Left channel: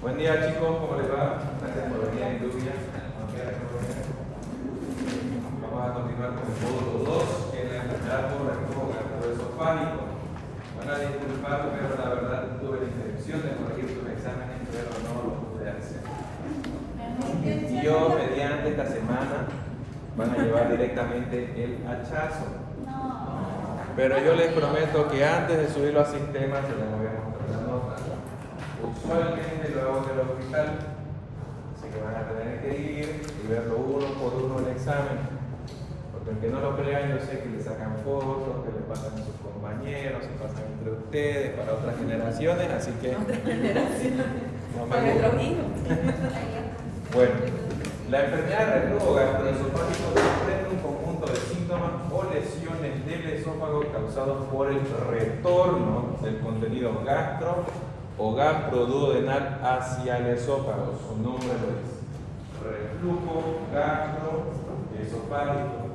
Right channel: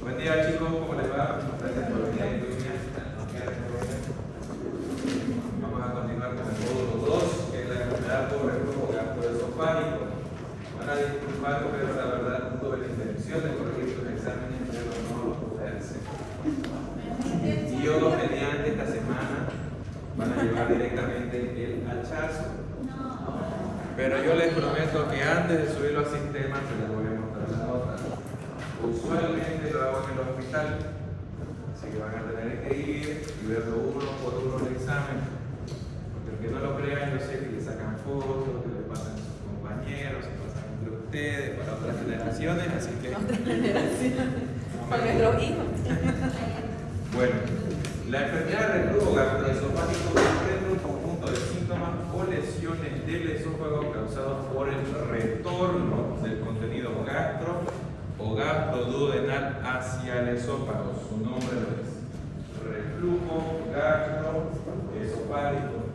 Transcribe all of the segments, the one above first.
Buen día chicos, ¿cómo les va? Gracias por venir a Industria. Vamos a continuar con el módulo 2, que es la enfermedad por reflujo gastroesofágico. Van a disculpar, pero la verdad tuve la intención de corregir sus exámenes, pero no lo pude hacer. Dios, mediante esta semana, van a llevar directamente el hachazo. Pero yo les prometo que antes de subirlo al sistema, se les voy a mostrar la nota. Usualmente lo hago en el hospital, así que van a tener que ir y verlo uno por uno el examen, porque aunque no lo crean, yo sé que le sacan fotos, que le pasan a sus compañeros, se pasan entre ustedes, para otras generaciones, así que otras generaciones, no para nuestros hijos. Bueno, la enfermedad de reflujo gastroesofágico comprende un conjunto de síntomas o lesiones del esófago causados por el retorno del contenido gastro o gastroduodenal hacia el esófago. Su nombre lo es. Reflujo gastroesofágico.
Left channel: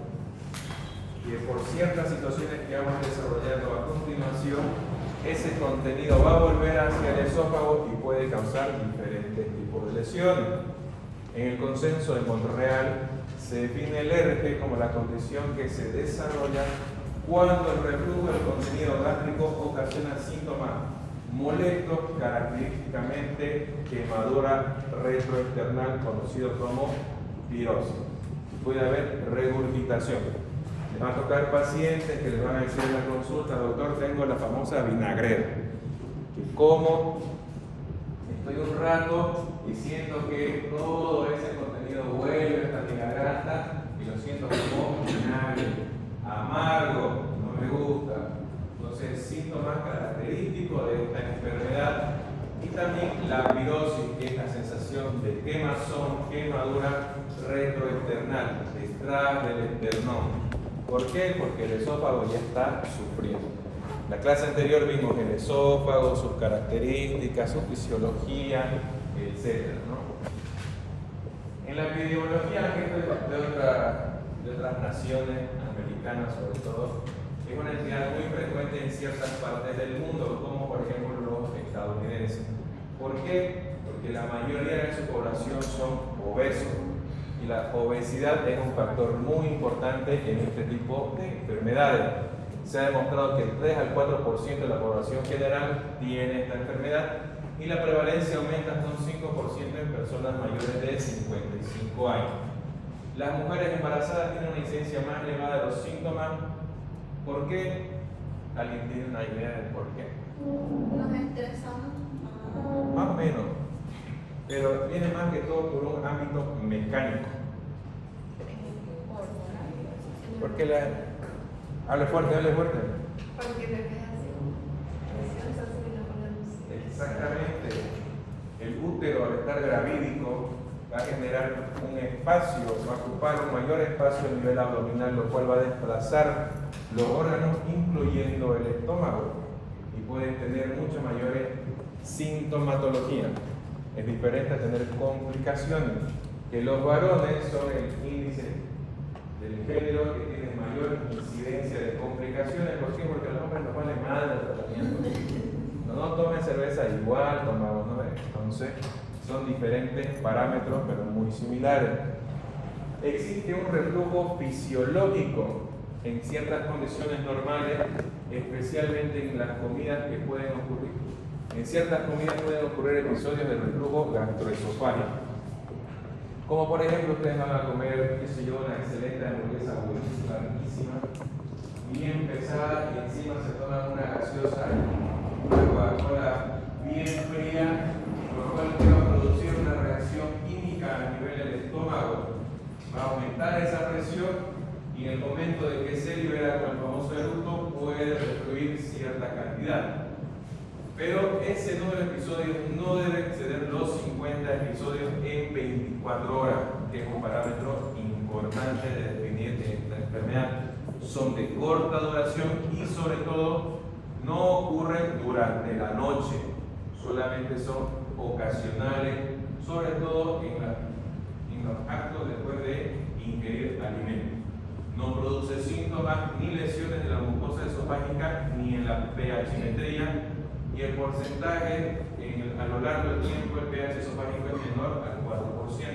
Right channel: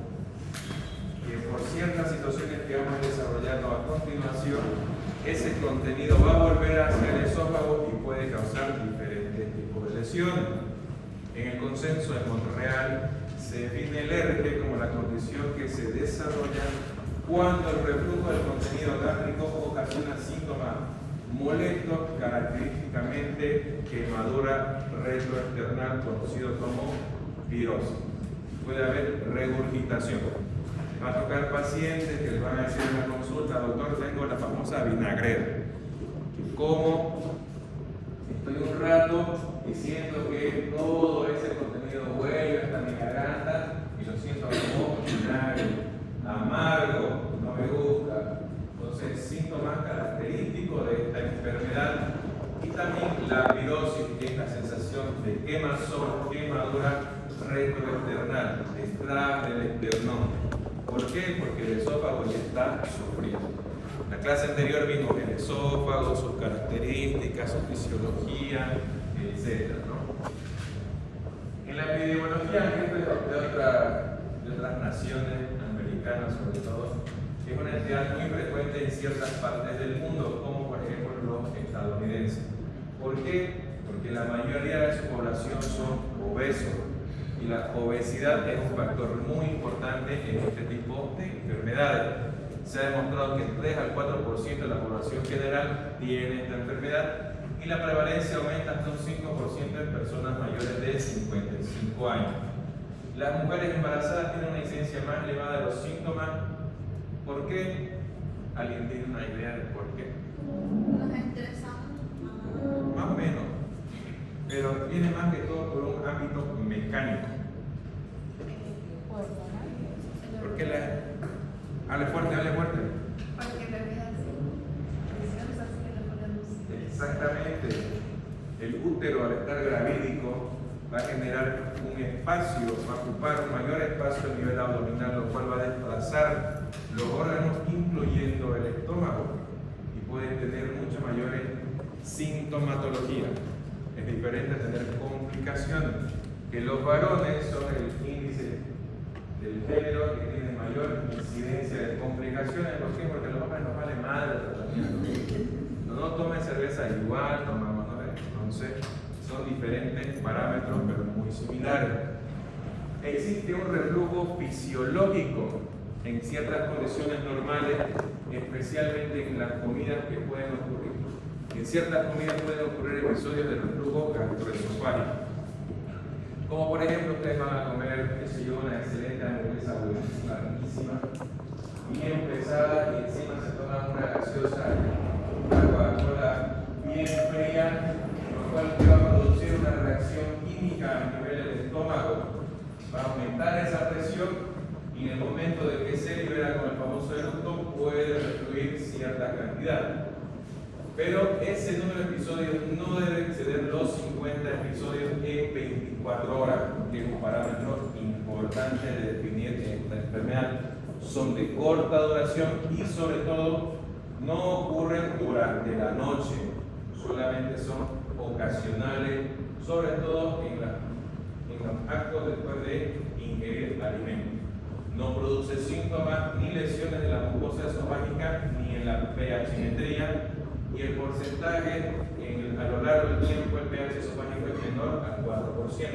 Y por ciertas situaciones que vamos desarrollando a continuación, ese contenido va a volver hacia el esófago y puede causar diferentes tipos de lesiones. En el consenso de Montreal se define el RG como la condición que se desarrolla cuando el reflujo del contenido gástrico ocasiona síntomas molestos, característicamente quemadura retroesternal conocido como pirosis. Puede haber regurgitación. Les va a tocar pacientes que les van a decir en la consulta: doctor, tengo la famosa vinagrera, que como estoy un rato diciendo que todo ese contenido vuelve hasta mi garganta y lo siento como vinagre, amargo, no me gusta. Entonces, síntomas característicos de esta enfermedad. Y también la pirosis, que es la sensación de quemazón, quemadura retroesternal, detrás del esternón. ¿Por qué? Porque el esófago ya está sufriendo. En la clase anterior vimos el esófago, sus características, su fisiología, etc., ¿no? En la epidemiología de otras naciones americanas, sobre todo, es una entidad muy frecuente en ciertas partes del mundo, como por ejemplo los estadounidenses. ¿Por qué? Porque la mayoría de su población son obesos y la obesidad es un factor muy importante en este tipo de enfermedades. Se ha demostrado que el 3 al 4% de la población general tiene esta enfermedad y la prevalencia aumenta hasta un 5% en personas mayores de 55 años. Las mujeres embarazadas tienen una incidencia más elevada de los síntomas. ¿Por qué? ¿Alguien tiene una idea de por qué? Nos estresamos. Más o menos, pero viene más que todo por un ámbito mecánico. ¿Por qué la... Hable fuerte, hable fuerte. Porque no es así. Exactamente. El útero, al estar gravídico, va a generar un espacio, va a ocupar un mayor espacio a nivel abdominal, lo cual va a desplazar los órganos, incluyendo el estómago, y puede tener mucha mayor sintomatología. Es diferente a tener complicaciones, que los varones son el índice del género que tiene mayor incidencia de complicaciones. ¿Por qué? Porque a los hombres nos vale madre el tratamiento. No tomen cerveza igual, tomamos, ¿no? Entonces, son diferentes parámetros, pero muy similares. Existe un reflujo fisiológico en ciertas condiciones normales, especialmente en las comidas que pueden ocurrir. En ciertas comidas pueden ocurrir episodios de reflujo gastroesofágico. Como por ejemplo, ustedes van a comer, qué sé yo, una excelente hamburguesa buenísima, riquísima, bien pesada, y encima se toman una gaseosa, una Coca-Cola bien fría, lo cual va a producir una reacción química a nivel del estómago. Va a aumentar esa presión y en el momento de que se libera con el famoso eructo puede refluir cierta cantidad. Pero ese número de episodios no debe exceder los 50 episodios en 24 horas, que es un parámetro importante de definir que esta enfermedad. Son de corta duración y sobre todo no ocurren durante la noche, solamente son ocasionales, sobre todo en los actos después de ingerir alimentos. No produce síntomas ni lesiones de la mucosa esofágica ni en la pH-metría, y el porcentaje en a lo largo del tiempo el pH esofágico es menor al 4%.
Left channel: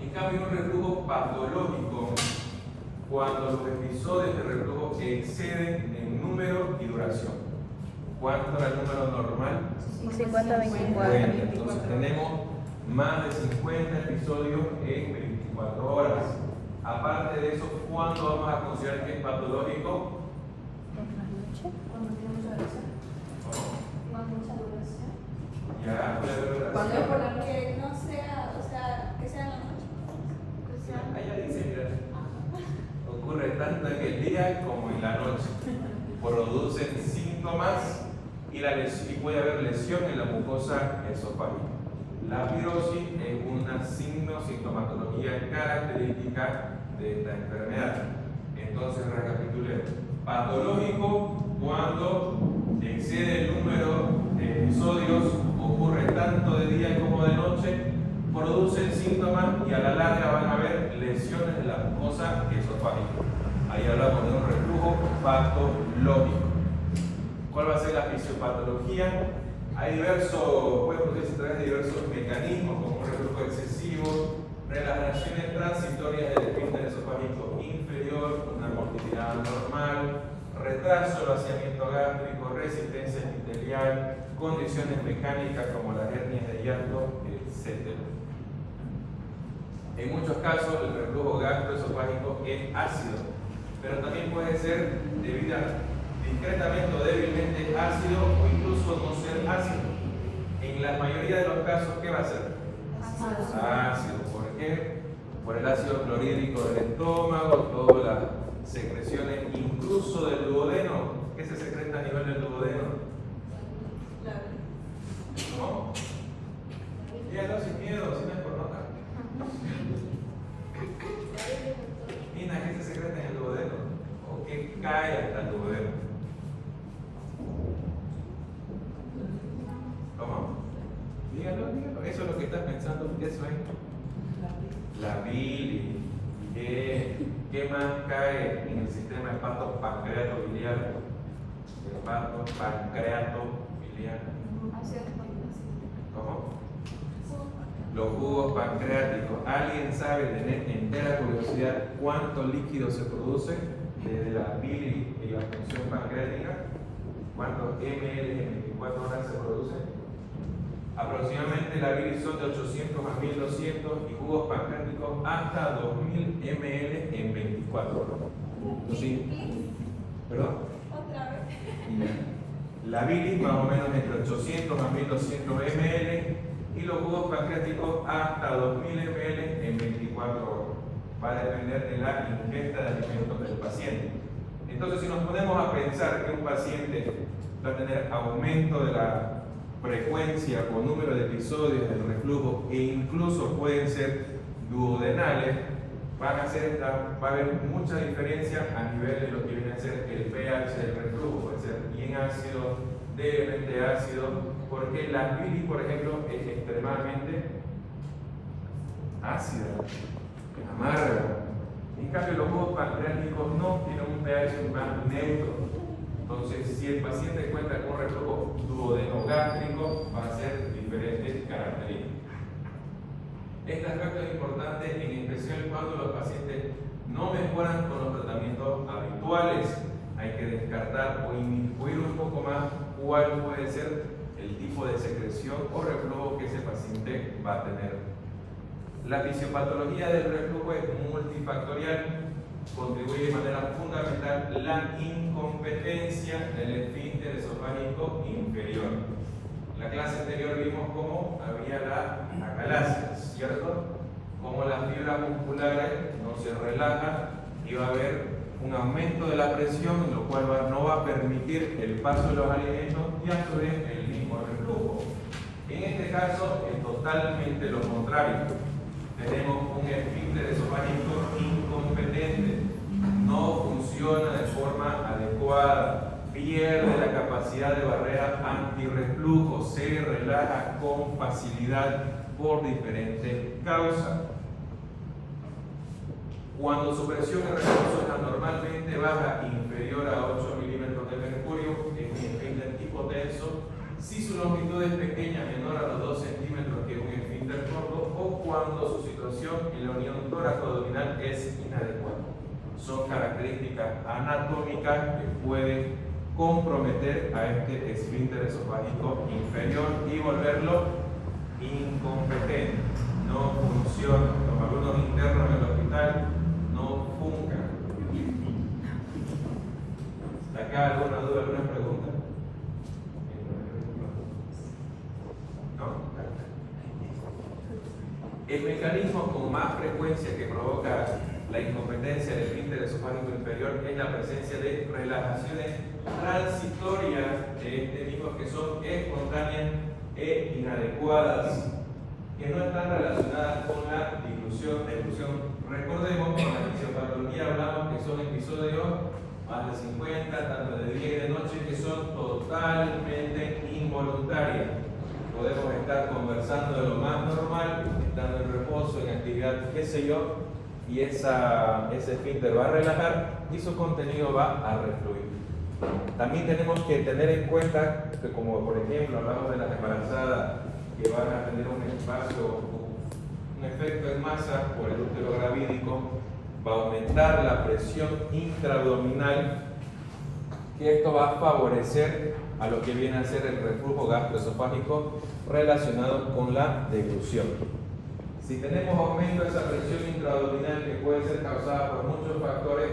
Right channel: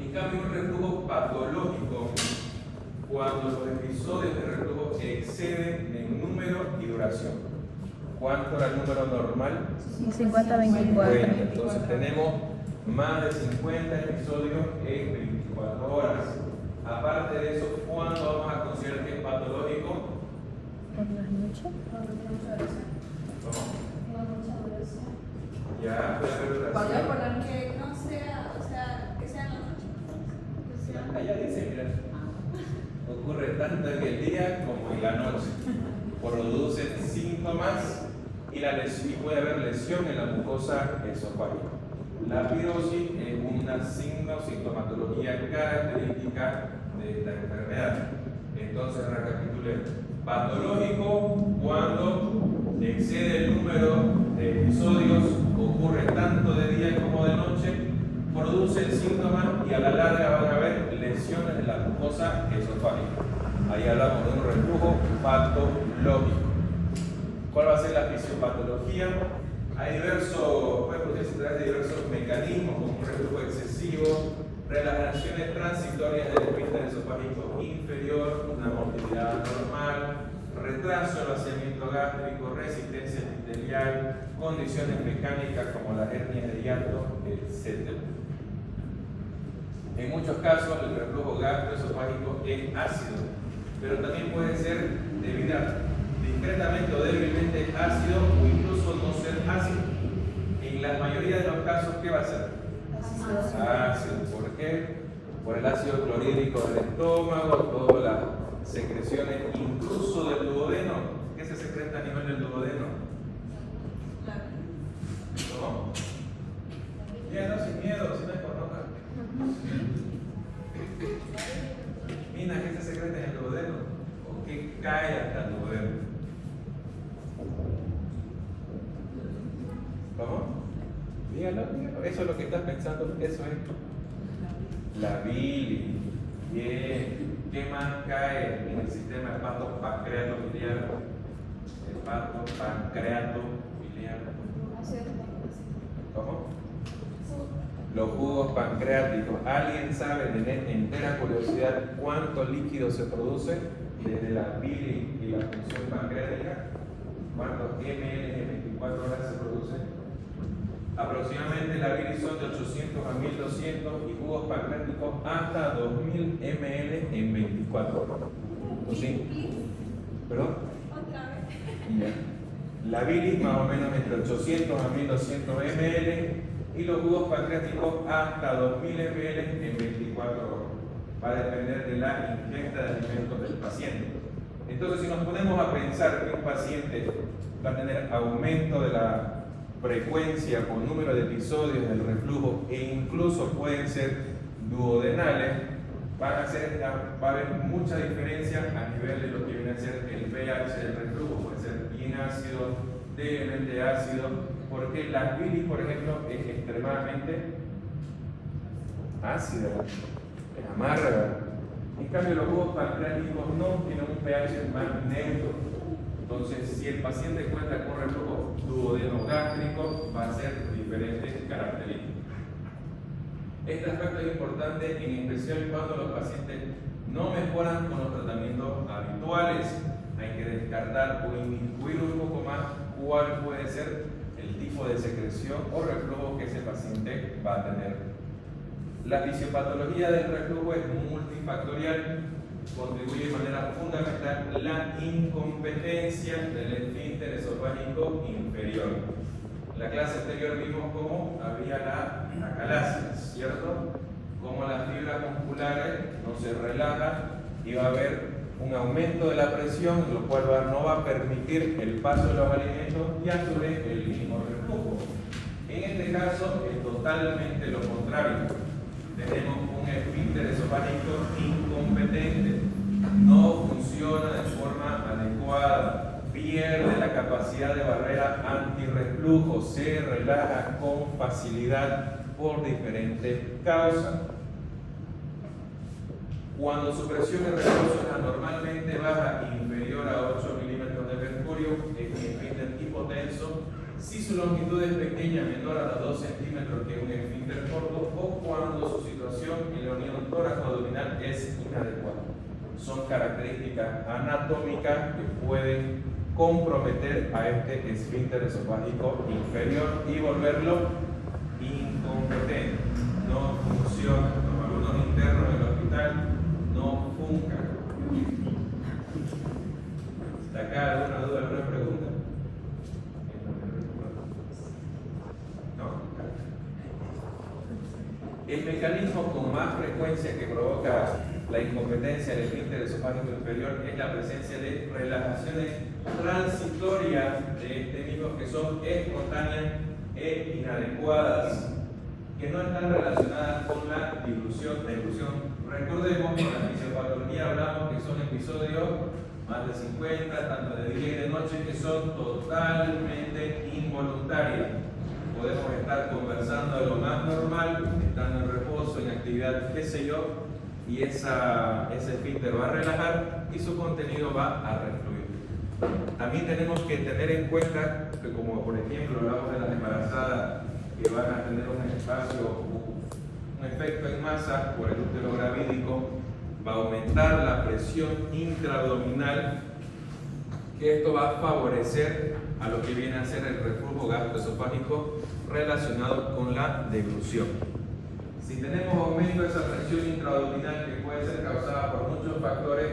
En cambio, un reflujo patológico, cuando los episodios de reflujo exceden en número y duración. ¿Cuánto era el número normal? 50-24. Entonces tenemos más de 50 episodios en 24 horas. Aparte de eso, ¿cuándo vamos a considerar que es patológico? ¿Por las noches? Ya puede haber Cuando es por duración. la que no sea, o sea, que sea en la noche. O sea, Allá dice, mira, ocurre tanto en el día como en la noche. Producen síntomas y puede haber lesión en la mucosa esofágica. La pirosis es una sintomatología característica de esta enfermedad. Entonces, recapitulemos. Patológico cuando excede el número de episodios, ocurre tanto de día como de noche, produce síntomas y a la larga van a haber lesiones de la mucosa esofágica. Ahí hablamos de un reflujo patológico. ¿Cuál va a ser la fisiopatología? Hay puede producirse a través de diversos mecanismos, como un reflujo excesivo, relajaciones transitorias del esfínter esofágico inferior, una motilidad anormal, retraso del vaciamiento gástrico, resistencia epitelial, condiciones mecánicas como las hernias de hiato, etc. En muchos casos el reflujo gastroesofágico es ácido, pero también puede ser discretamente o débilmente ácido o incluso no ser ácido. En la mayoría de los casos, ¿qué va a ser? Ácido. ¿Por qué? Por el ácido clorhídrico del estómago, todas las secreciones, incluso del duodeno. ¿Qué se secreta a nivel del duodeno? ¿No? Miedo, sin miedo, sin escornoca. Mina, ¿qué se secreta en el duodeno? ¿O qué cae hasta el duodeno? ¿Cómo? Dígalo. Eso es lo que estás pensando, eso es. La bilis. Bien. ¿Qué más cae en el sistema hepato-pancreato-biliar? Hepato-pancreato-biliar. ¿Cómo? Los jugos pancreáticos. ¿Alguien sabe, de entera curiosidad, cuánto líquido se produce desde la bilis y la función pancreática? ¿Cuántos ml en 24 horas se produce? Aproximadamente la bilis son de 800 a 1200 y jugos pancreáticos hasta 2000 ml en 24 horas. ¿Sí? ¿Perdón? otra vez. Ya. La bilis más o menos entre 800 a 1200 ml y los jugos pancreáticos hasta 2000 ml en 24 horas. Va a depender de la ingesta de alimentos del paciente. Entonces, si nos ponemos a pensar que un paciente va a tener aumento de la frecuencia o número de episodios del reflujo e incluso pueden ser duodenales, va a haber mucha diferencia a nivel de lo que viene a ser el pH del reflujo. Puede ser bien ácido, levemente ácido, porque la bilis, por ejemplo, es extremadamente ácida, es amarga. En cambio, los jugos pancreáticos no tienen un pH más neutro. Entonces, si el paciente cuenta con reflujo duodenogástrico, va a ser diferentes características. Este aspecto es importante, en especial cuando los pacientes no mejoran con los tratamientos habituales. Hay que descartar o inmiscuir un poco más cuál puede ser el tipo de secreción o reflujo que ese paciente va a tener. La fisiopatología del reflujo es multifactorial. Contribuye de manera fundamental la incompetencia del esfínter esofágico inferior. En la clase anterior vimos cómo había la acalasia, ¿cierto? Cómo las fibras musculares no se relajan y va a haber un aumento de la presión, lo cual no va a permitir el paso de los alimentos y a su vez el mismo reflujo. En este caso es totalmente lo contrario. Tenemos un esfínter esofágico incompetente, no funciona de forma adecuada, pierde la capacidad de barrera antirreflujo, se relaja con facilidad por diferentes causas. Cuando su presión de reflujo es anormalmente baja, inferior a 8 milímetros de mercurio, es un esfínter hipotenso, si su longitud es pequeña, menor a los 2 centímetros, que es un esfínter corto, o cuando su situación en la unión tóraco-abdominal es inadecuada. Son características anatómicas que pueden comprometer a este esfínter esofágico inferior y volverlo incompetente. No funciona. Los alumnos internos en el hospital no funcan. ¿Está acá alguna duda, alguna pregunta? ¿No? El mecanismo con más frecuencia que provoca la incompetencia del esfínter esofágico inferior es la presencia de relajaciones transitorias de este mismo que son espontáneas e inadecuadas, que no están relacionadas con la dilución. Recordemos que en la fisiopatología hablamos que son episodios más de 50, tanto de día y de noche, que son totalmente involuntarios. Podemos estar conversando de lo más normal, estando en reposo, en actividad, qué sé yo, y ese esfínter va a relajar y su contenido va a refluir. También tenemos que tener en cuenta que, como por ejemplo hablamos de las embarazadas que van a tener un espacio, un efecto en masa por el útero gravídico, va a aumentar la presión intraabdominal, que esto va a favorecer a lo que viene a ser el reflujo gastroesofágico relacionado con la deglución. Si tenemos aumento de esa presión intraabdominal, que puede ser causada por muchos factores,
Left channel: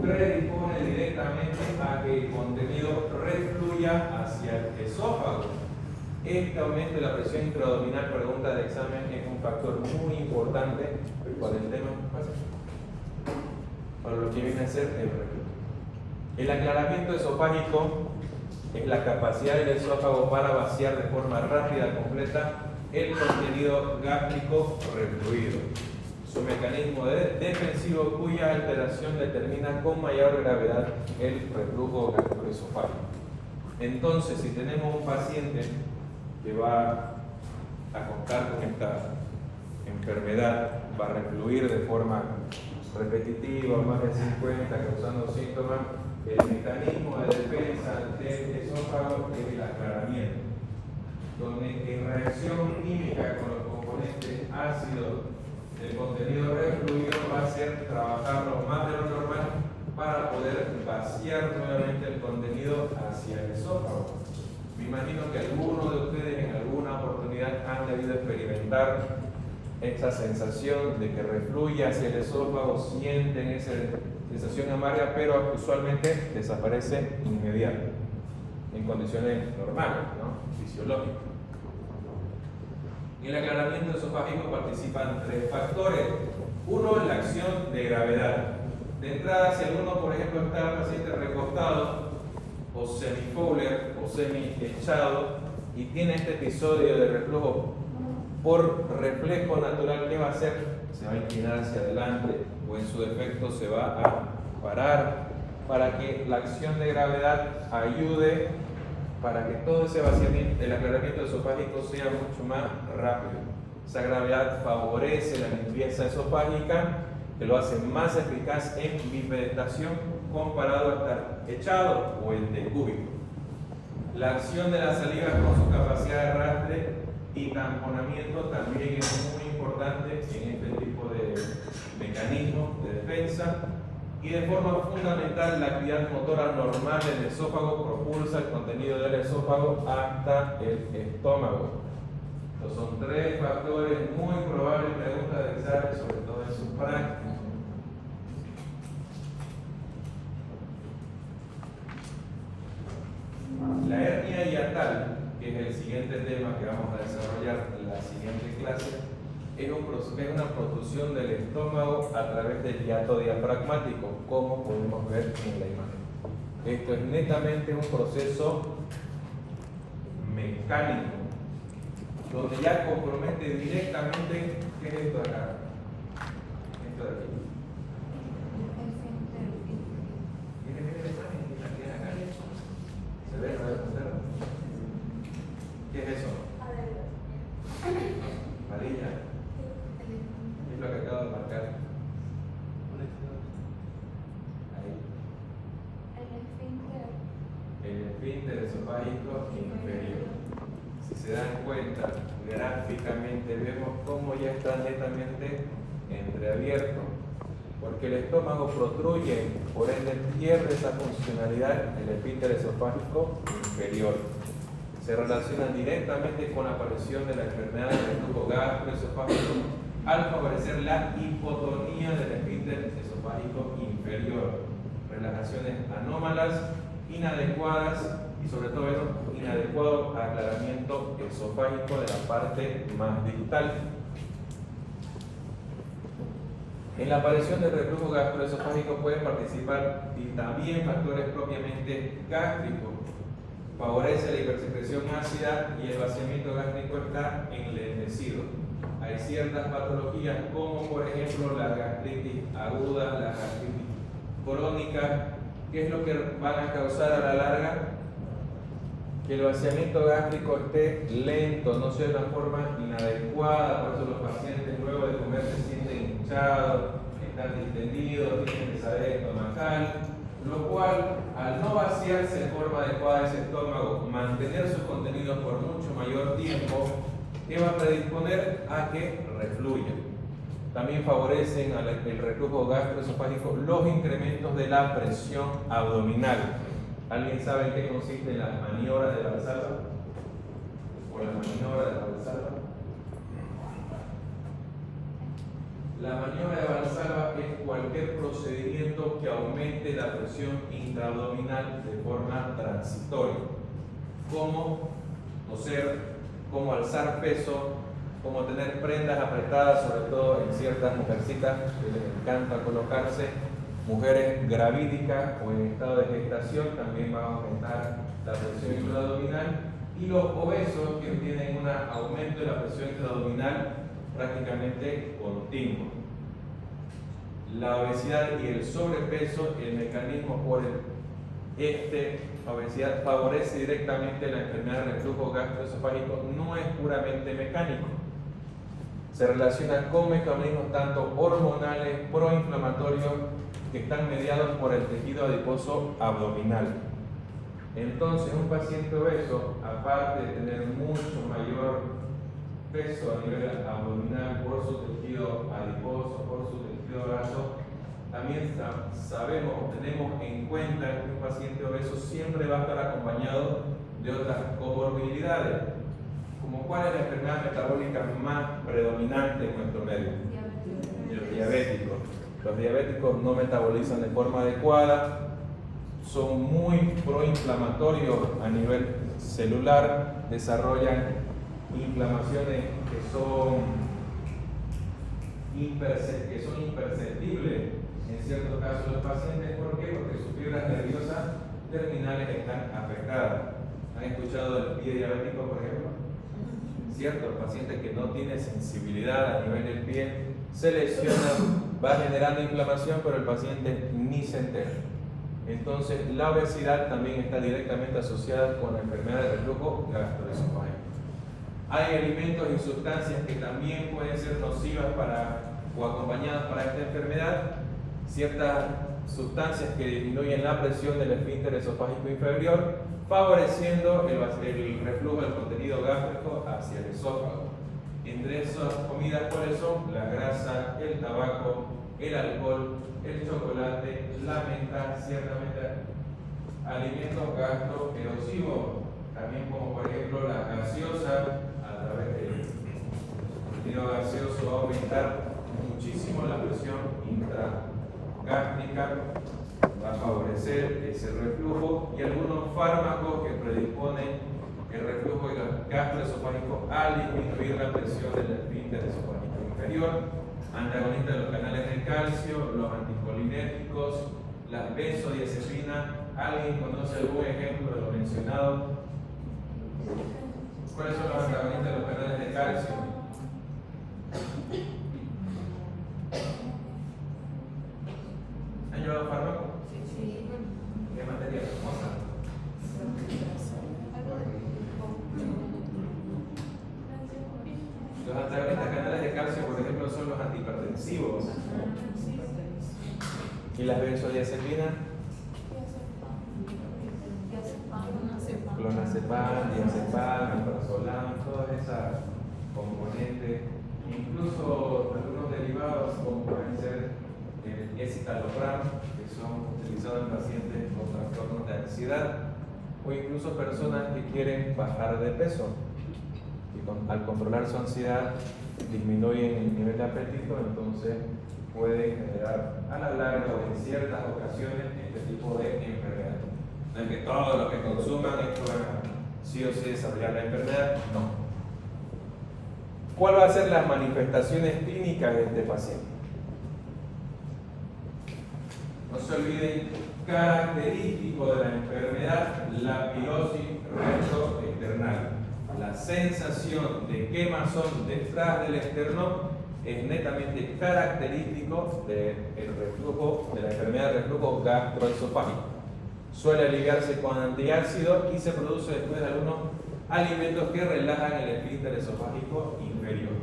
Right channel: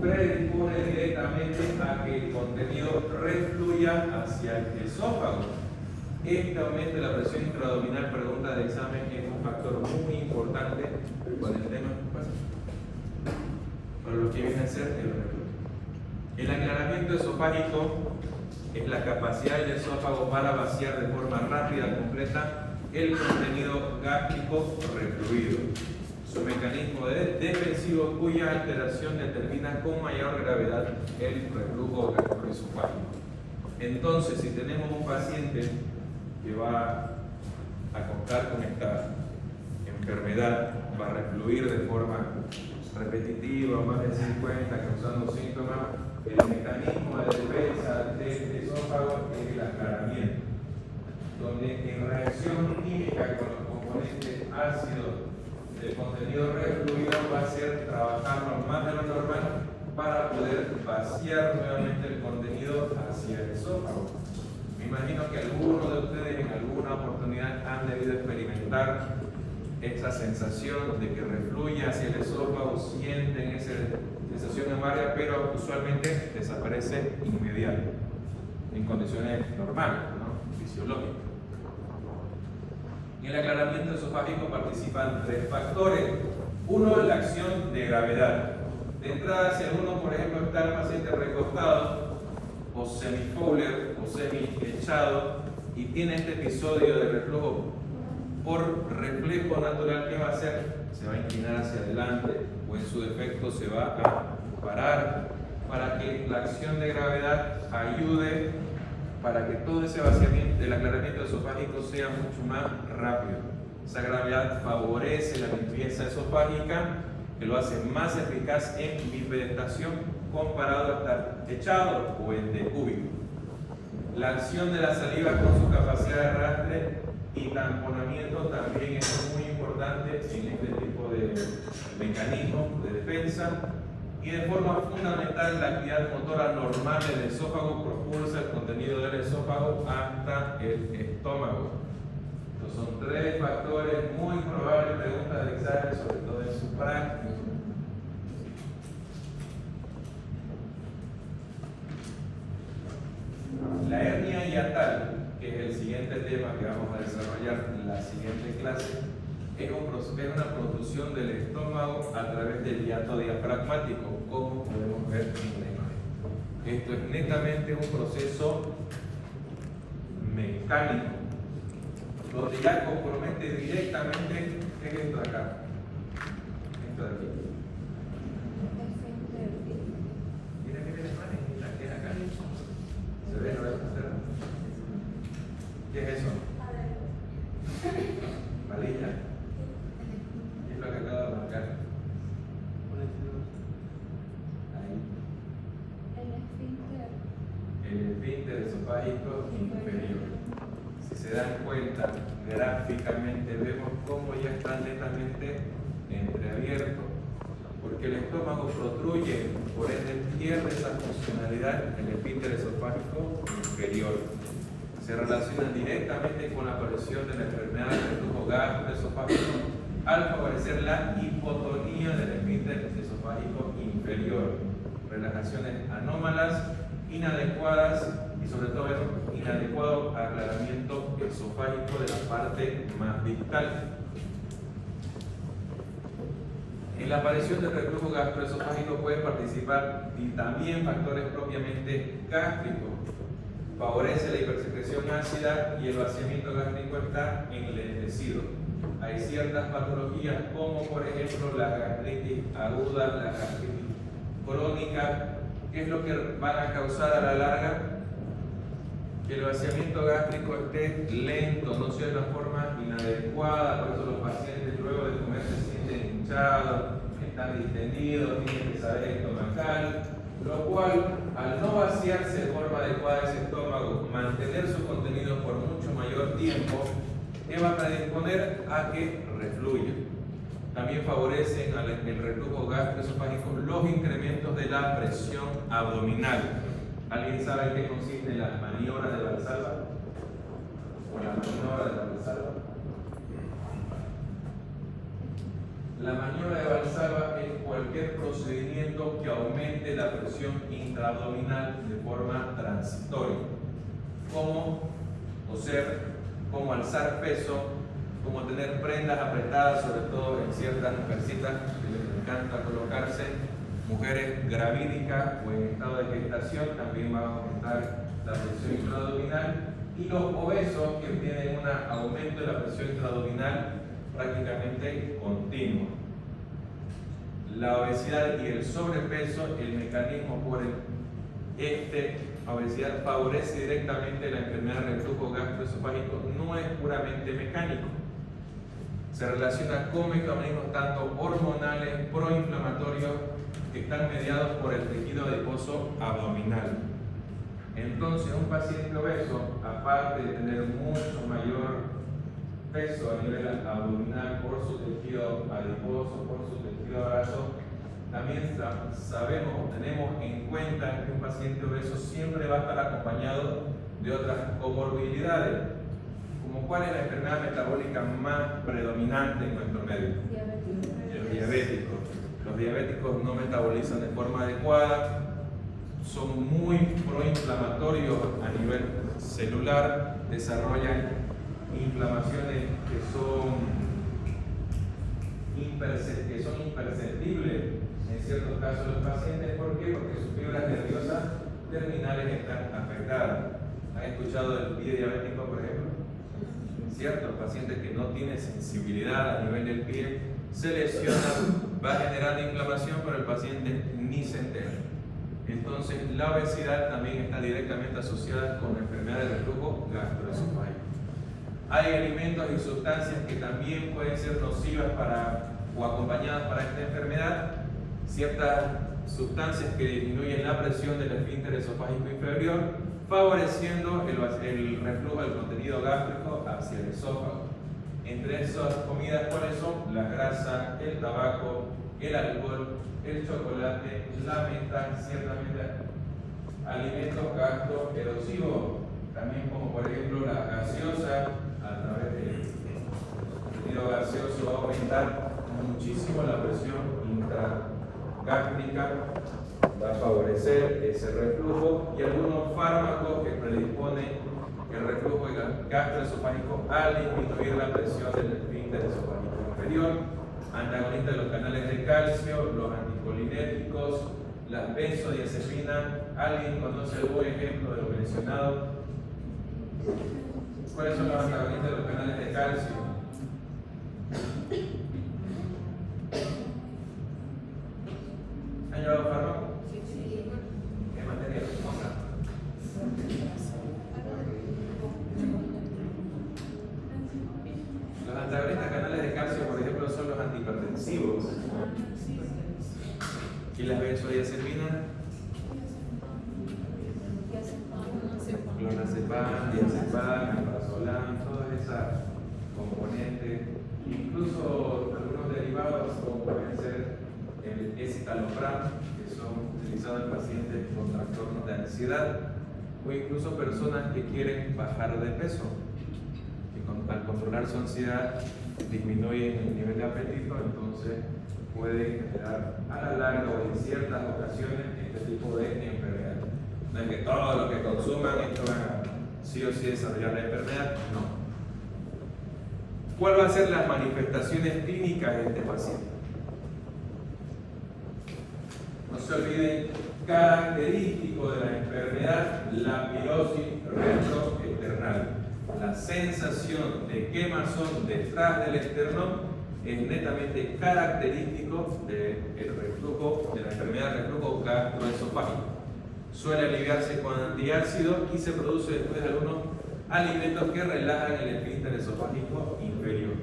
predispone directamente a que el contenido refluya hacia el esófago. Este aumento de la presión intraabdominal, pregunta de examen, es un factor muy importante para el tema, para lo que viene a ser el reflujo. El aclaramiento esofágico es la capacidad del esófago para vaciar de forma rápida, completa, el contenido gástrico refluido. Su mecanismo defensivo, cuya alteración determina con mayor gravedad el reflujo gastroesofágico. Entonces, si tenemos un paciente que va a contar con esta enfermedad, va a refluir de forma repetitiva, más de 50, causando síntomas, el mecanismo de defensa del esófago es el aclaramiento, donde en reacción química con los componentes ácidos del contenido refluido va a ser trabajarlo más de lo normal para poder vaciar nuevamente el contenido hacia el esófago. Me imagino que algunos de ustedes en alguna oportunidad han debido experimentar esa sensación de que refluye hacia el esófago, sienten esa sensación amarga, pero usualmente desaparece inmediato, en condiciones normales, ¿no? Fisiológicas. En el aclaramiento esofágico participan 3 factores. Uno, la acción de gravedad. De entrada, si alguno, por ejemplo, está el paciente recostado, o semifowler, o semi-echado, y tiene este episodio de reflujo, por reflejo natural, ¿qué va a hacer? Se va a inclinar hacia adelante, o en su defecto se va a parar, para que la acción de gravedad ayude para que todo ese vaciamiento, el aclaramiento esofágico sea mucho más rápido. Esa gravedad favorece la limpieza esofágica, que lo hace más eficaz en bifedestación comparado a estar echado o en decúbito. La acción de la saliva con su capacidad de arrastre y tamponamiento también es muy importante en este tipo de mecanismos de defensa. Y de forma fundamental, la actividad motora normal del esófago propulsa el contenido del esófago hasta el estómago. Estos son 3 factores muy probables, preguntas de examen, sobre todo en su práctica. La hernia hiatal, que es el siguiente tema que vamos a desarrollar en la siguiente clase, es una protrusión del estómago a través del hiato diafragmático, como podemos ver en la imagen. Esto es netamente un proceso mecánico, donde ya compromete directamente, ¿qué es esto de acá? Esto de aquí. Miren la imagen, aquí en acá. ¿Se ve? ¿No ve? ¿Qué es eso? Palilla. ¿Qué es lo que acabo de marcar? Ahí. El esfínter esofágico inferior. se dan cuenta gráficamente, vemos cómo ya está netamente entreabierto, porque el estómago protruye, por ende pierde esa funcionalidad el esfínter esofágico inferior. Se relacionan directamente con la aparición de la enfermedad del reflujo gastroesofágico al favorecer la hipotonía del esfínter esofágico inferior, relajaciones anómalas, inadecuadas y sobre todo inadecuado aclaramiento esofágico de la parte más distal. En la aparición del reflujo gastroesofágico pueden participar y también factores propiamente gástricos. Favorece la hipersecreción ácida y el vaciamiento gástrico está enlentecido. Hay ciertas patologías como por ejemplo la gastritis aguda, la gastritis crónica, que es lo que van a causar a la larga que el vaciamiento gástrico esté lento, no sea de una forma inadecuada. Por eso los pacientes luego de comer se sienten hinchados, están distendidos, tienen pesadez estomacal, lo cual al no vaciarse de forma adecuada ese estómago, mantener sus contenidos por mucho mayor tiempo, que va a predisponer a que refluya. También favorecen el reflujo gastroesofágico los incrementos de la presión abdominal. ¿Alguien sabe en qué consiste la maniobra de Valsalva? ¿O la maniobra de Valsalva? La maniobra de Valsalva es cualquier procedimiento que aumente la presión intraabdominal de forma transitoria, como toser, como alzar peso, como tener prendas apretadas, sobre todo en ciertas mujercitas que les encanta colocarse, mujeres gravídicas o en estado de gestación, también va a aumentar la presión intraabdominal, y los obesos que tienen un aumento de la presión intraabdominal prácticamente continuo. La obesidad y el sobrepeso, el mecanismo por el obesidad favorece directamente la enfermedad de reflujo gastroesofágico, no es puramente mecánico. Se relaciona con mecanismos tanto hormonales, proinflamatorios, que están mediados por el tejido adiposo abdominal. Entonces, un paciente obeso, aparte de tener mucho mayor peso a nivel abdominal por su tejido adiposo, por su tejido graso, también sabemos o tenemos en cuenta que un paciente obeso siempre va a estar acompañado de otras comorbilidades, como cuál es la enfermedad metabólica más predominante en nuestro medio. Los diabéticos. Los diabéticos no metabolizan de forma adecuada, son muy proinflamatorios a nivel celular, desarrollan inflamaciones que son imperceptibles en ciertos casos de los pacientes. ¿Por qué? Porque sus fibras nerviosas terminales están afectadas. ¿Han escuchado del pie diabético, por ejemplo? ¿Cierto? El paciente que no tiene sensibilidad a nivel del pie se lesiona, va generando inflamación, pero el paciente ni se entera. Entonces, la obesidad también está directamente asociada con la enfermedad de reflujo gastroesofágico. Hay alimentos y sustancias que también pueden ser nocivas o acompañadas para esta enfermedad. Ciertas sustancias que disminuyen la presión del esfínter esofágico inferior, favoreciendo el reflujo del contenido gástrico hacia el esófago. Entre esas comidas, ¿cuáles son? La grasa, el tabaco, el alcohol, el chocolate, la menta, ciertamente alimentos gastroerosivos, también como por ejemplo la gaseosa. A través del contenido gaseoso va a aumentar muchísimo la presión intragástrica, va a favorecer ese reflujo, y algunos fármacos que predisponen el reflujo gastroesofágico al disminuir la presión del esfínter esofágico inferior, antagonistas de los canales de calcio, los anticolinéticos, las benzodiazepinas. ¿Alguien conoce algún ejemplo de lo mencionado? ¿Cuáles son los antagonistas de los canales de calcio? ¿Han llevado fármaco? Sí. ¿Qué materia? Los antagonistas de canales de calcio, por ejemplo, son los antihipertensivos. ¿Y las benzodiazepinas? Clonazepam, diazepam. alprazolam, alprazolam, todas esas componentes, incluso algunos derivados como pueden ser el escitalopram, que son utilizados en pacientes con trastornos de ansiedad, o incluso personas que quieren bajar de peso, que al controlar su ansiedad disminuyen el nivel de apetito, entonces puede generar a la larga o en ciertas ocasiones este tipo de enfermedad. No es que todo lo que consuman esto va a sí o sí desarrollar la enfermedad, no. ¿Cuál va a ser las manifestaciones clínicas de este paciente? No se olviden, característico de la enfermedad, la pilosis rectoesternal. La sensación de quemazón detrás del esternón es netamente característico del reflujo, de la enfermedad de reflujo gastroesofágico. Suele aliviarse con antiácido y se produce después de algunos alimentos que relajan el esfínter esofágico inferior.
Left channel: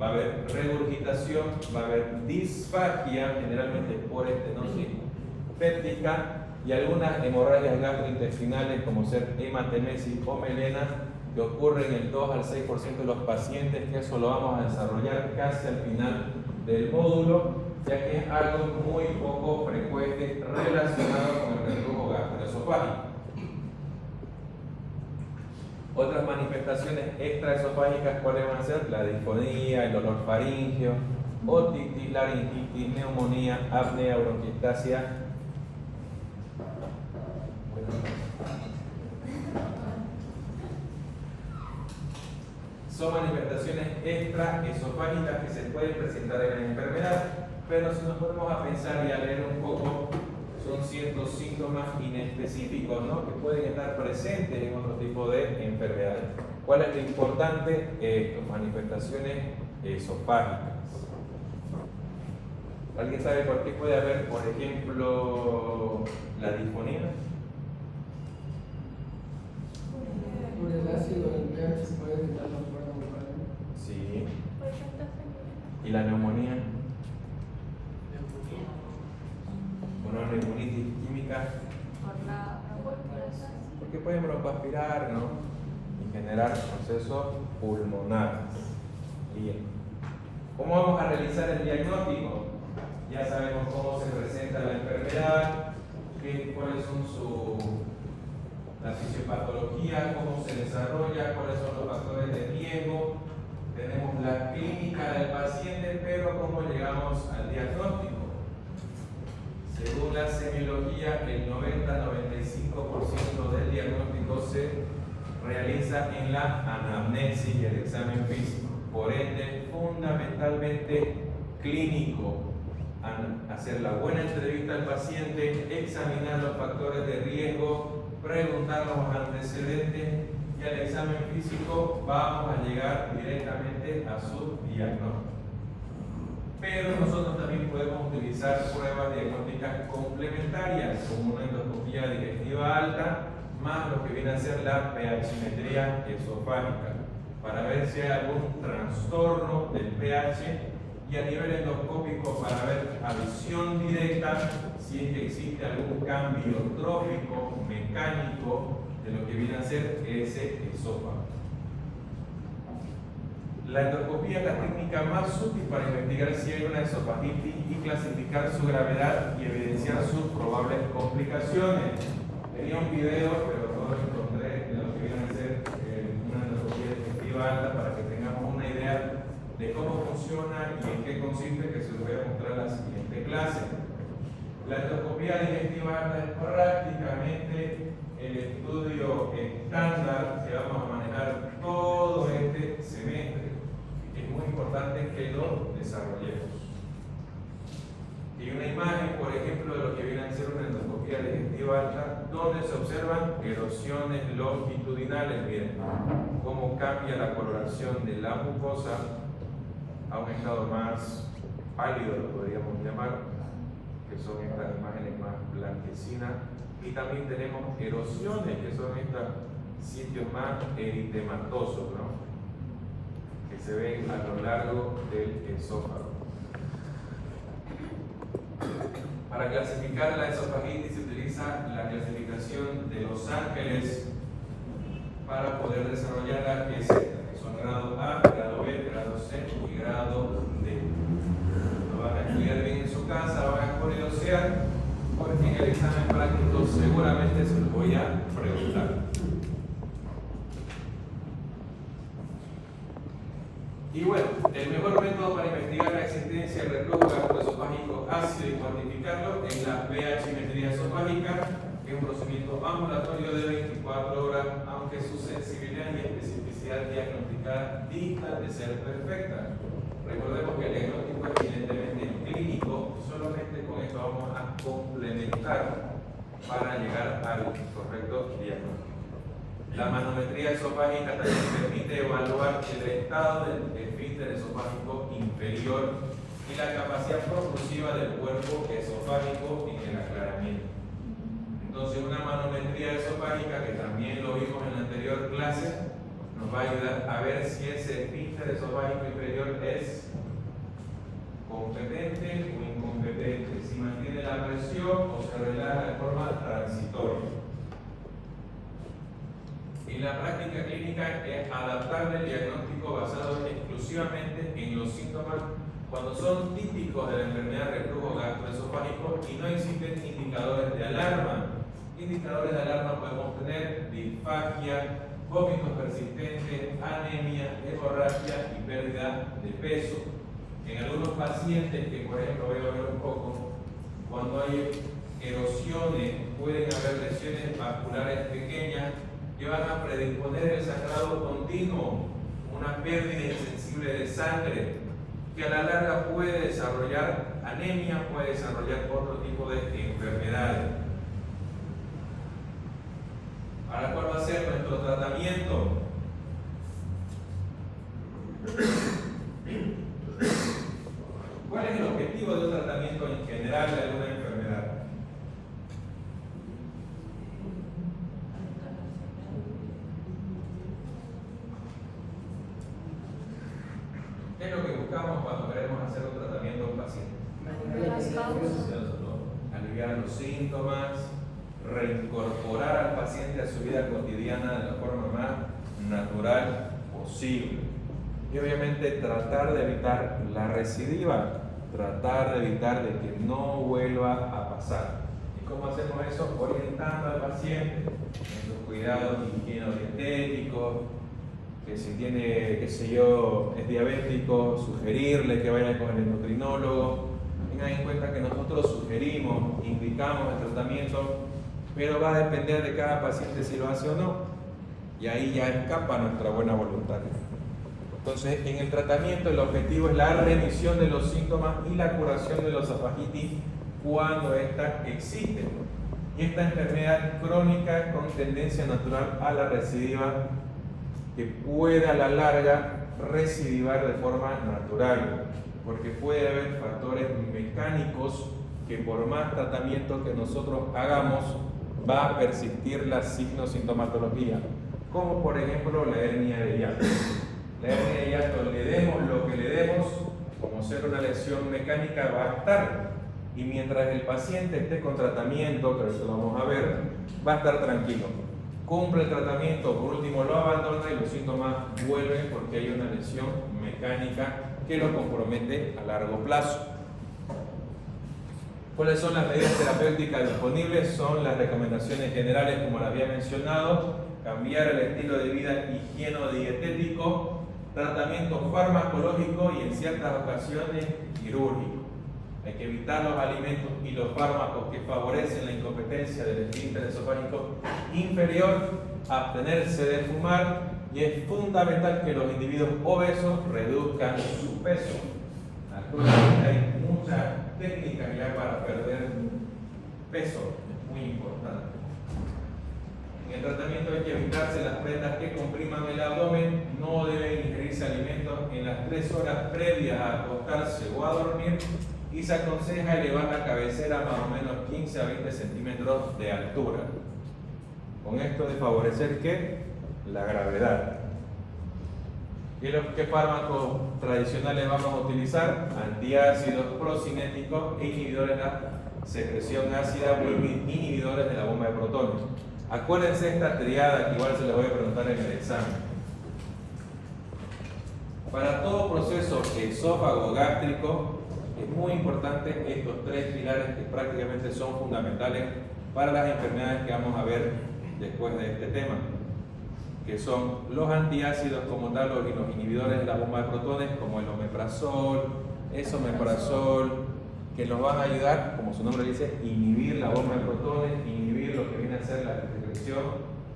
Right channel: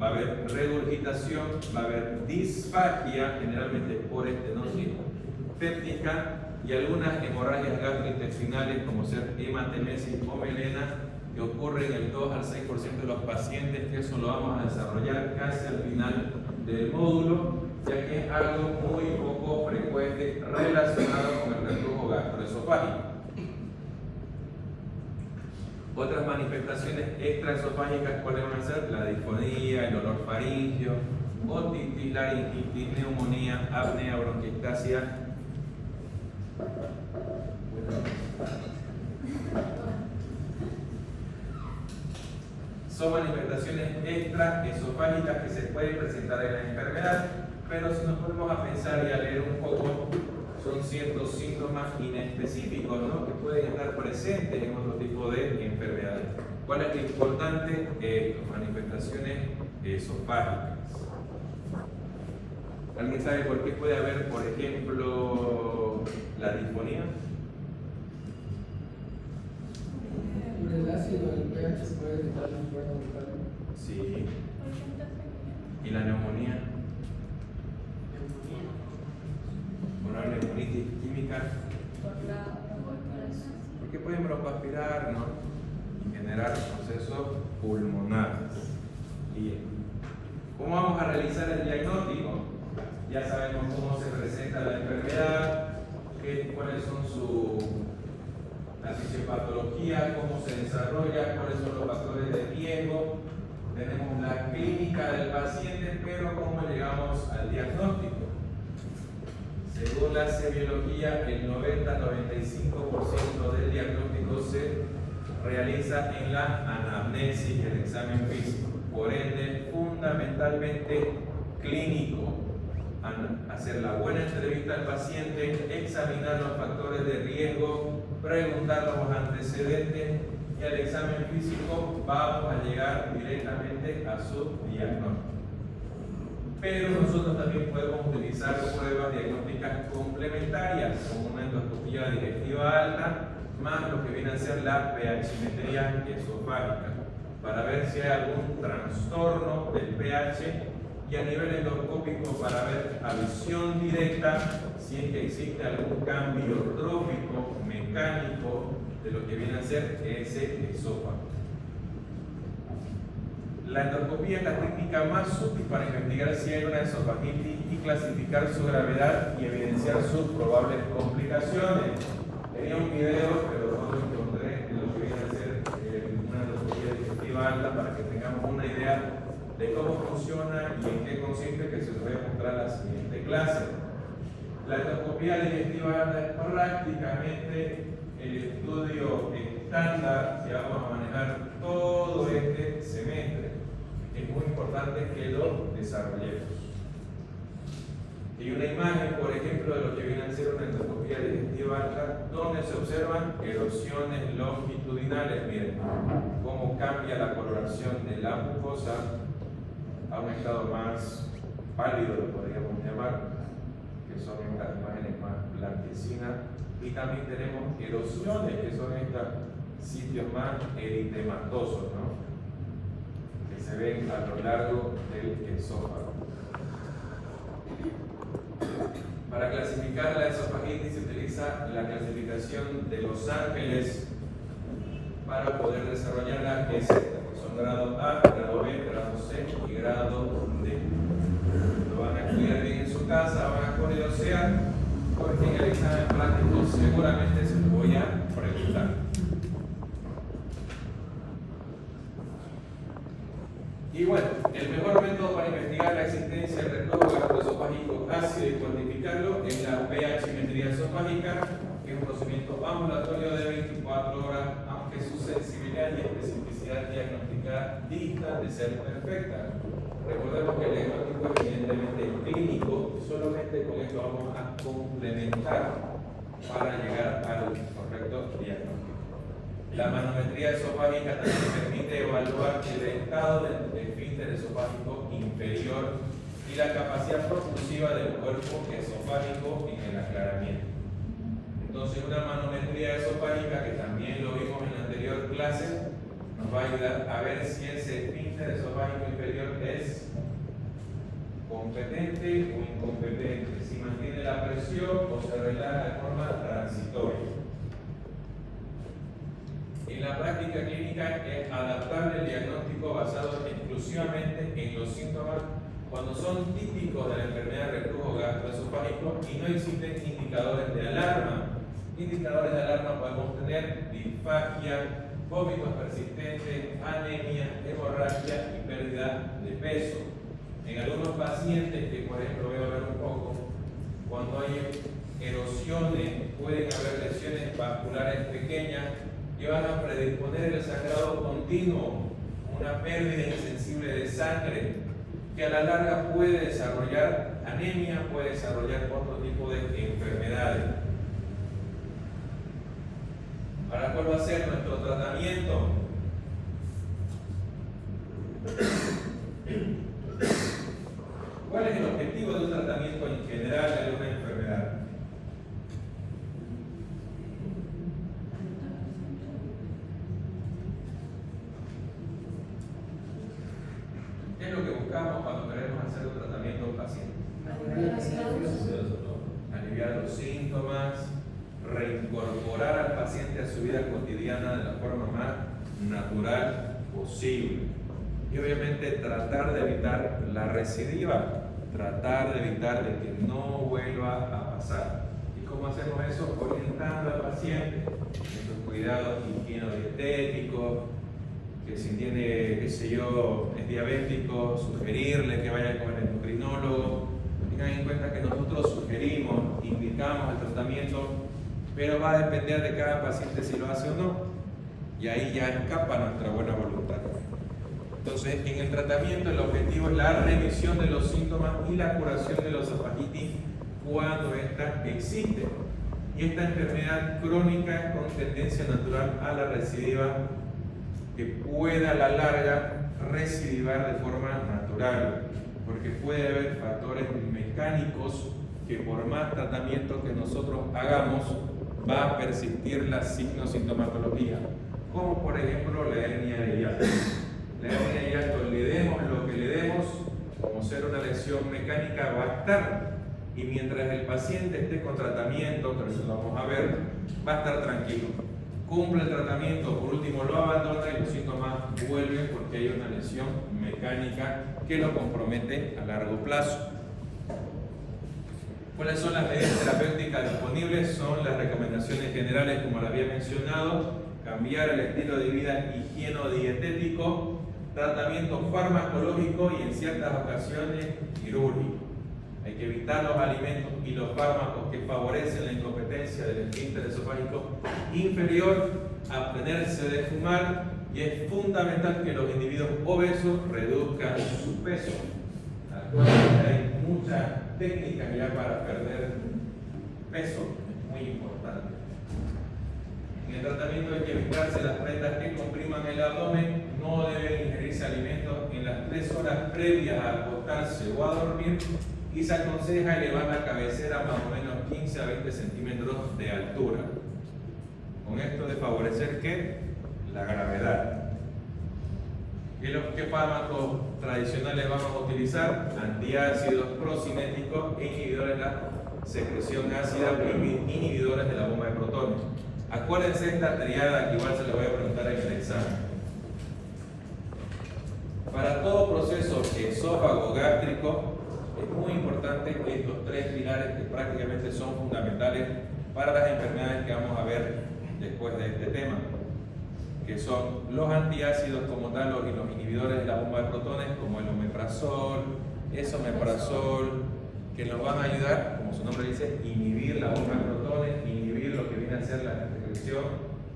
Va a haber regurgitación, va a haber disfagia, generalmente por estenosis péptica, y algunas hemorragias gastrointestinales como ser hematemesis o melena, que ocurren en el 2 al 6% de los pacientes, que eso lo vamos a desarrollar casi al final del módulo, ya que es algo muy poco frecuente relacionado con el reflujo gastroesofágico. Otras manifestaciones extraesofágicas, ¿cuáles van a ser? La disfonía, el olor faríngeo, otitis, laringitis, neumonía, apnea, bronquiectasia. Son manifestaciones extraesofágicas que se pueden presentar en la enfermedad, pero si nos ponemos a pensar y a leer un poco, son ciertos síntomas inespecíficos, ¿no?, que pueden estar presentes en otro tipo de enfermedades. ¿Cuál es lo importante? Manifestaciones esofágicas. ¿Alguien sabe por qué puede haber, por ejemplo, la disfonía? Por el ácido del pH puede evitar la cuerda vocal. Sí. ¿Y la neumonía? Bueno, la neumonitis química. Porque pueden broncoaspirar, ¿no?, y generar procesos pulmonares. Bien. ¿Cómo vamos a realizar el diagnóstico? Ya sabemos cómo se presenta la enfermedad, cuáles son la fisiopatología, cómo se desarrolla, cuáles son los factores de riesgo. Tenemos la clínica del paciente, pero cómo llegamos al diagnóstico. Según la semiología, el 90-95% del diagnóstico se realiza en la anamnesis y el examen físico. Por ende, fundamentalmente clínico. Hacer la buena entrevista al paciente, examinar los factores de riesgo, preguntar los antecedentes, y al examen físico vamos a llegar directamente a su diagnóstico. Pero nosotros también podemos utilizar pruebas diagnósticas complementarias, como una endoscopía digestiva alta, más lo que viene a ser la pH-metría esofágica, para ver si hay algún trastorno del pH, y a nivel endoscópico para ver a visión directa si es que existe algún cambio trófico, mecánico, de lo que viene a ser ese esófago. La endoscopía es la técnica más útil para investigar si hay una esofagitis y clasificar su gravedad y evidenciar sus probables complicaciones. Tenía un video, pero no lo encontré, de lo que viene a ser una endoscopía digestiva alta, para que tengamos una idea de cómo funciona y en qué consiste, que se los voy a mostrar en la siguiente clase. La endoscopía digestiva alta es prácticamente el estudio estándar que vamos a manejar todo este semestre. Es muy importante que lo desarrollemos. Y una imagen, por ejemplo, de lo que viene a ser una endoscopía digestiva alta, donde se observan erosiones longitudinales. Miren cómo cambia la coloración de la mucosa a un estado más pálido, lo podríamos llamar, que son estas imágenes más blanquecinas, y también tenemos erosiones, que son estos sitios más eritematosos, ¿no?, que se ven a lo largo del esófago. Para clasificar la esofagitis se utiliza la clasificación de Los Ángeles, para poder desarrollar las que son grado A, grado B, grado C y grado D. Lo van a estudiar bien en su casa, van a curiosear, porque en el examen práctico seguramente se lo voy a preguntar. Y bueno, el mejor método para investigar la existencia de reflujo gastroesofágico ácido y cuantificarlo es la pH-metría esofágica, que es un procedimiento ambulatorio de 24 horas, aunque su sensibilidad y especificidad diagnosticada distan de ser perfecta. Recordemos que el diagnóstico es evidentemente clínico, solamente con esto vamos a complementar para llegar al correcto diagnóstico. La manometría esofágica también permite evaluar el estado del esfínter esofágico inferior y la capacidad propulsiva del cuerpo esofágico en el aclaramiento. Entonces, una manometría esofágica, que también lo vimos en la anterior clase, nos va a ayudar a ver si ese esfínter esofágico inferior es competente o incompetente, si mantiene la presión o se relaja de forma transitoria. En la práctica clínica es adaptable el diagnóstico basado exclusivamente en los síntomas cuando son típicos de la enfermedad de reflujo gastroesofágico y no existen indicadores de alarma. Indicadores de alarma podemos tener disfagia, vómitos persistentes, anemia, hemorragia y pérdida de peso. En algunos pacientes, que por ejemplo voy a ver un poco, cuando hay erosiones, pueden haber lesiones vasculares pequeñas que van a predisponer el sangrado continuo, una pérdida insensible de sangre, que a la larga puede desarrollar anemia, puede desarrollar otro tipo de enfermedades. Ahora, ¿cuál va a ser nuestro tratamiento? ¿Cuál es el objetivo de un tratamiento en general de alguna enfermedad? ¿Qué es lo que buscamos cuando queremos hacer un tratamiento a un paciente? Aliviar los síntomas, reincorporar al paciente a su vida cotidiana de la forma más natural posible. Y obviamente tratar de evitar la recidiva, tratar de evitar de que no vuelva a pasar. ¿Y cómo hacemos eso? Orientando al paciente en sus cuidados higieno-dietéticos, que si tiene, qué sé yo, es diabético, sugerirle que vaya con el endocrinólogo. Tengan en cuenta que nosotros sugerimos, indicamos el tratamiento, pero va a depender de cada paciente si lo hace o no. Y ahí ya escapa nuestra buena voluntad. Entonces, en el tratamiento el objetivo es la remisión de los síntomas y la curación de los esofagitis cuando ésta existe. Y esta enfermedad crónica es con tendencia natural a la recidiva, que puede a la larga recidivar de forma natural, porque puede haber factores mecánicos que por más tratamiento que nosotros hagamos va a persistir la signosintomatología, como por ejemplo la hernia de hiato. La hernia de hiato, le demos lo que le demos, como ser una lesión mecánica, va a estar, y mientras el paciente esté con tratamiento, que eso lo vamos a ver, va a estar tranquilo. Cumple el tratamiento, por último lo abandona y los síntomas vuelven porque hay una lesión mecánica que lo compromete a largo plazo. ¿Cuáles son las medidas terapéuticas disponibles? Son las recomendaciones generales, como las había mencionado: cambiar el estilo de vida higieno-dietético, tratamiento farmacológico y en ciertas ocasiones quirúrgico. Hay que evitar los alimentos y los fármacos que favorecen la incompetencia del esfínter esofágico inferior, abstenerse de fumar, y es fundamental que los individuos obesos reduzcan su peso. Actualmente hay muchas técnicas ya para perder peso, muy importante. En el tratamiento hay que evitarse las prendas que compriman el abdomen, no deben ingerirse alimentos en las 3 horas previas a acostarse o a dormir, y se aconseja elevar la cabecera más o menos 15 a 20 centímetros de altura. Con esto de favorecer ¿qué? La gravedad. ¿Qué fármacos tradicionales vamos a utilizar? Antiácidos, procinéticos e inhibidores de la secreción ácida o inhibidores de la bomba de protones. Acuérdense esta triada que igual se la voy a preguntar en el examen. Para todo proceso esófago gástrico es muy importante estos tres pilares que prácticamente son fundamentales para las enfermedades que vamos a ver después de este tema, que son los antiácidos como tal, los inhibidores de la bomba de protones, como el omeprazol, esomeprazol, que nos van a ayudar, como su nombre dice, inhibir la bomba de protones, inhibir lo que viene a ser la secreción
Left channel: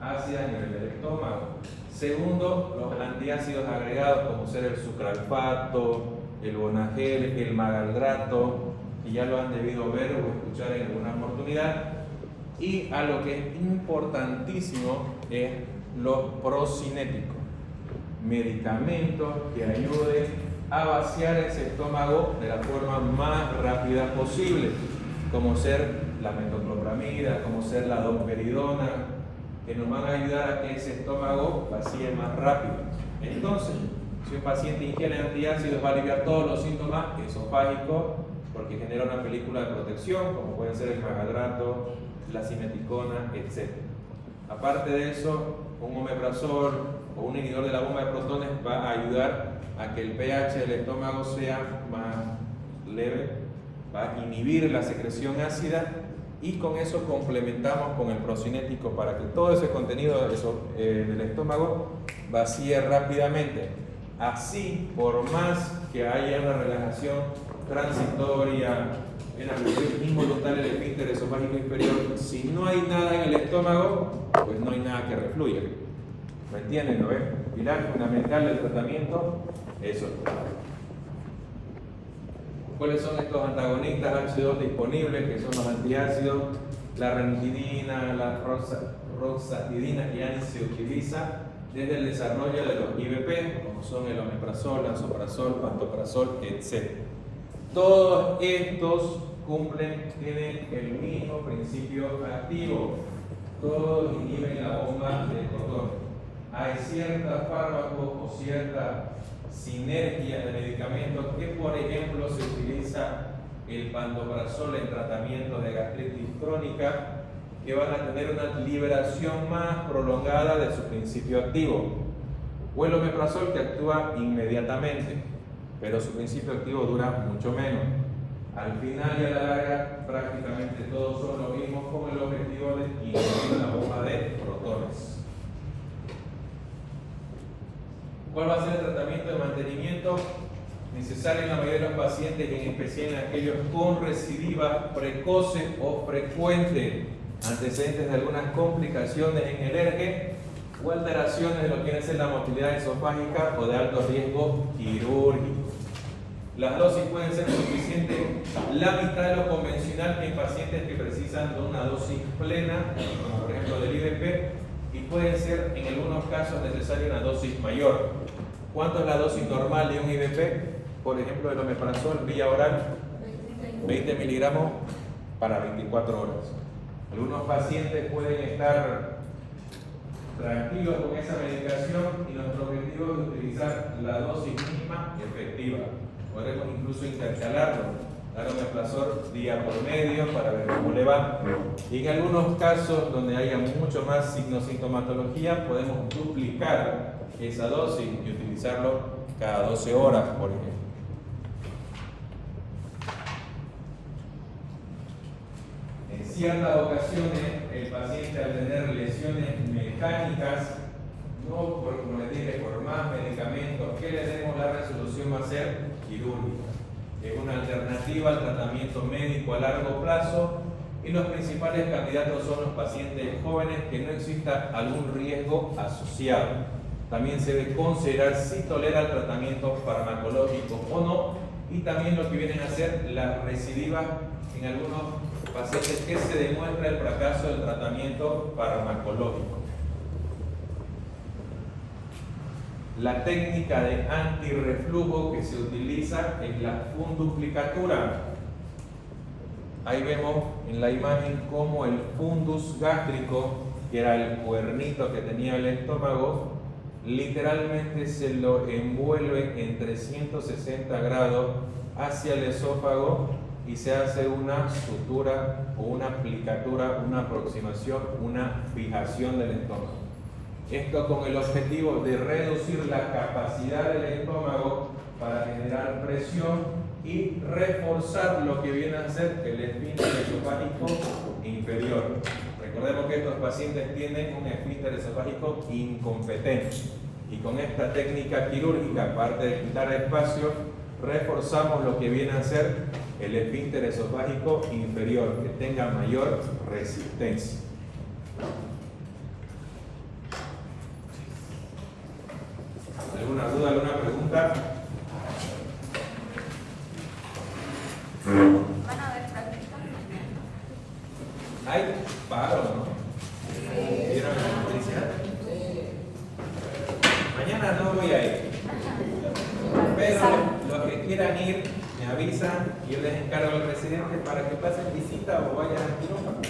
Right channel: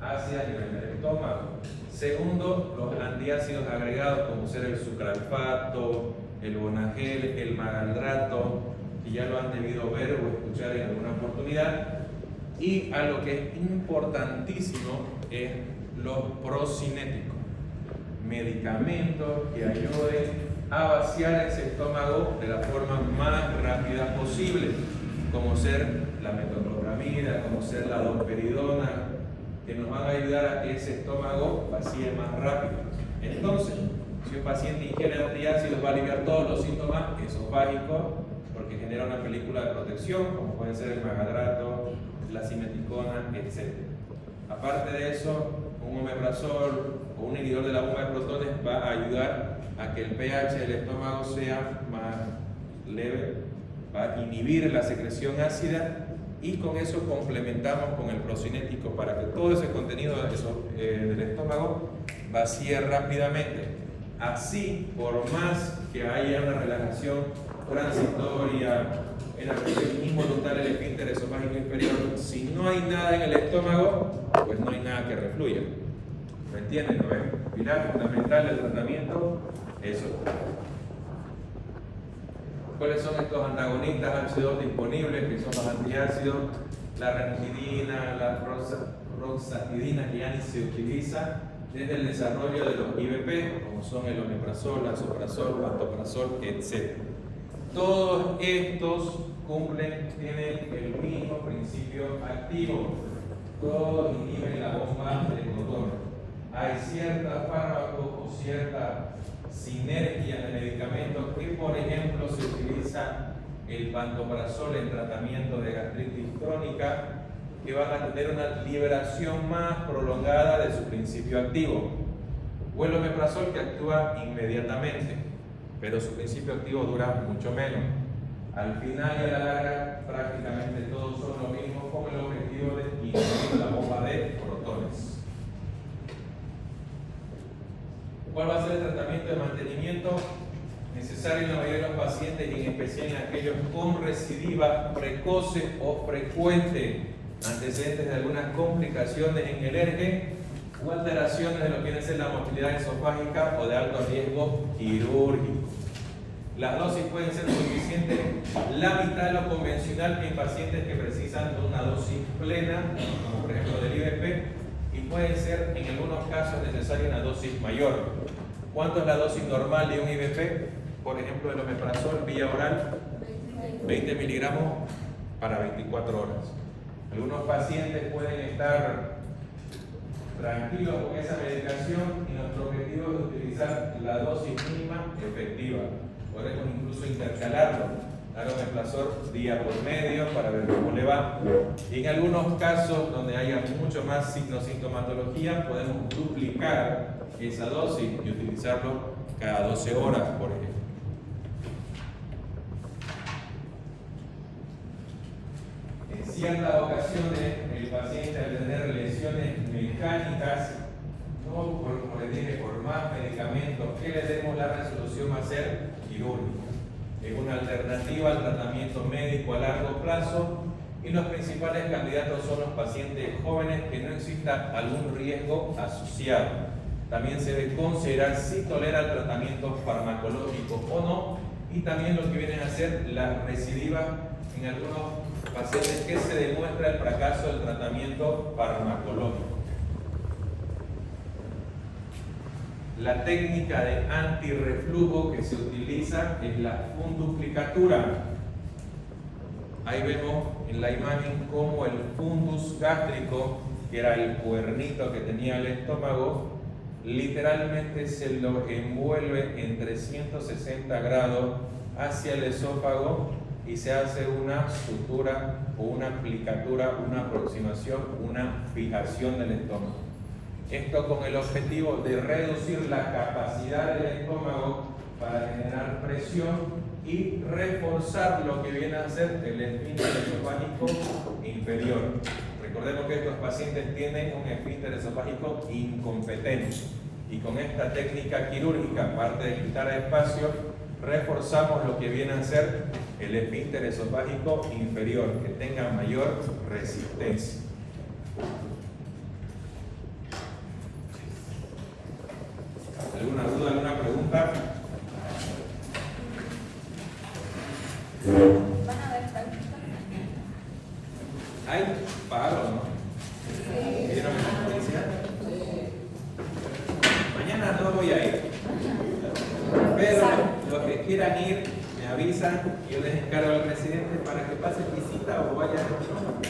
ácida a nivel del estómago. Segundo, los antiácidos agregados como ser el sucralfato, el bonagel, el magaldrato, que ya lo han debido ver o escuchar en alguna oportunidad. Y a lo que es importantísimo es los procinéticos, medicamentos que ayuden a vaciar ese estómago de la forma más rápida posible, como ser la metoclopramida, como ser la domperidona, que nos van a ayudar a que ese estómago vacíe más rápido. Entonces, si un paciente ingiere antiácidos, va a aliviar todos los síntomas esofágicos porque genera una película de protección, como puede ser el magaldrato, la simeticona, etc. Aparte de eso, un omeprazol o un inhibidor de la bomba de protones va a ayudar a que el pH del estómago sea más leve, va a inhibir la secreción ácida y con eso complementamos con el procinético para que todo ese contenido del estómago vacíe rápidamente. Así, por más que haya una relajación transitoria en la presión involuntaria del esfínter esofágico inferior, si no hay nada en el estómago, pues no hay nada que refluya. ¿Me entienden? ¿No ven? Pilar fundamental del tratamiento, eso. ¿Cuáles son estos antagonistas H2 disponibles, que son los antiácidos? La ranitidina, la roxatidina, que ya ni se utiliza desde el desarrollo de los IVP, como son el omeprazol, lansoprazol, pantoprazol, etc. Todos estos tienen el mismo principio activo. Todos inhiben la bomba de protones. Hay ciertos fármacos o cierta sinergia de medicamentos que, por ejemplo, se utiliza el pantoprazol en tratamiento de gastritis crónica, que van a tener una liberación más prolongada de su principio activo, o el omeprazol, que actúa inmediatamente, pero su principio activo dura mucho menos. Al final de la larga, prácticamente todos son lo mismo, con el objetivo de inhibir la bomba de protones. ¿Cuál va a ser el tratamiento de mantenimiento? Necesario en la mayoría de los pacientes y en especial en aquellos con recidiva precoce o frecuente, antecedentes de algunas complicaciones en el ERGE o alteraciones de lo que viene a ser la motilidad esofágica o de alto riesgo quirúrgico. Las dosis pueden ser suficientes, la mitad de lo convencional en pacientes que precisan de una dosis plena, como por ejemplo del IVP, y puede ser en algunos casos necesaria una dosis mayor. ¿Cuánto es la dosis normal de un IVP? Por ejemplo, el omeprazol vía oral, 20 miligramos para 24 horas. Algunos pacientes pueden estar tranquilos con esa medicación y nuestro objetivo es utilizar la dosis mínima efectiva. Podremos incluso intercalarlo, dar omeprazol día por medio para ver cómo le va. Y en algunos casos donde haya mucho más sintomatología, podemos duplicar esa dosis y utilizarlo cada 12 horas, por ejemplo. En ciertas ocasiones, el paciente al tener lesiones mecánicas, no por, como les dije, por más medicamentos que le demos, la resolución va a ser quirúrgica. Es una alternativa al tratamiento médico a largo plazo y los principales candidatos son los pacientes jóvenes que no exista algún riesgo asociado. También se debe considerar si tolera el tratamiento farmacológico o no, y también lo que vienen a ser las recidivas en algunos pacientes que se demuestra el fracaso del tratamiento farmacológico. La técnica de antirreflujo que se utiliza es la funduplicatura. Ahí vemos en la imagen cómo el fundus gástrico, que era el cuernito que tenía el estómago, literalmente se lo envuelve en 360 grados hacia el esófago y se hace una sutura o una aplicatura, una aproximación, una fijación del estómago. Esto con el objetivo de reducir la capacidad del estómago para generar presión y reforzar lo que viene a ser el esfínter esofágico inferior. Recordemos que estos pacientes tienen un esfínter esofágico incompetente y con esta técnica quirúrgica, aparte de quitar espacio, reforzamos lo que viene a ser el esfínter esofágico inferior, que tenga mayor resistencia. ¿Alguna duda, alguna pregunta? Van a ver prácticas. Hay paro, ¿no? ¿Vieron la noticia? Mañana no voy a ir. Pero los que quieran ir, me avisan y yo les encargo al residente para que pase visita o vayan al quirófano.